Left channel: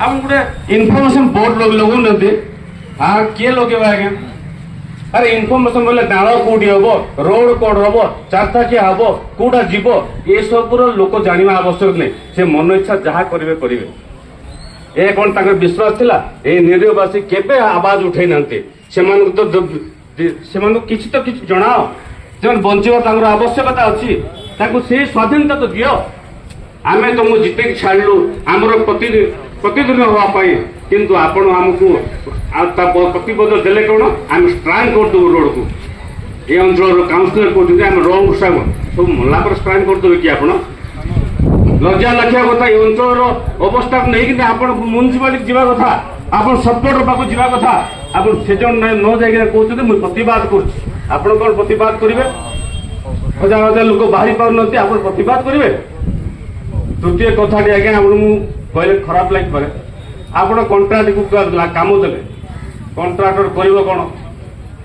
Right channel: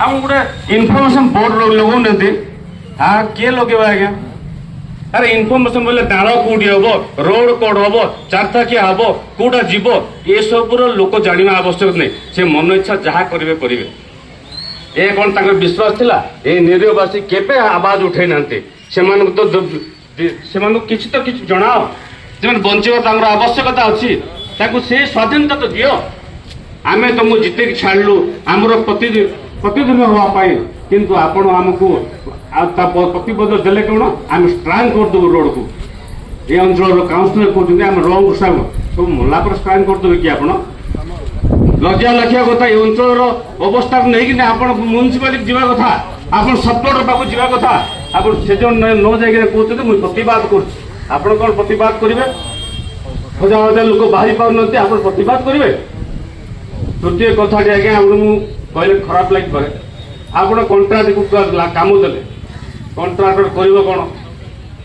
आप गोटे information board लगौनाहांती हाँ किए लगेगा आज्ञा अरे इनफर्मेशन बोले नाल कौटी हम रोड कौन हम चारथाकिया हम कौटा जीव ये सब लोक जाना आवश्यक नहीं से मन इच्छा जहाँ करेंगे करेंगे ये कौन तक विश्वास थिला ये निरीहवासी केबे आवाज उठे नांते किसी तो किसी जनाओ जो बचार आवश्यकता अच्छी से स्वाधीनता तो दियो आम तुमको जिते छाड़लु आमर प्रतिदिन हाँपाई किंतु आपण आमको प्रतिबद्ध देले कौन आम स्ट्रांग करदेव रोड को ये अंचल काउंसिलर कहते रोड सब सब मला पर स्ट्रांग करदेवे कि आप लज्जा लखिया कथा ये अंचल अवस्था नहीं कि आप म्यूनिसिपालिटी जावा कथा आप सपोर्ट पाक जावा कथा आप से न जाए कहते मुझे प्रतिवाद कर कौन प्रतिवाद करेंगे हजार हजार लोक बाहरी पार आप प्रतिवाद करेंगे तृतीय कथा आज्ञा आपको कहले खराब लगे आप कंट्राक्ट को कम देते कंट्राक्टर कर कौन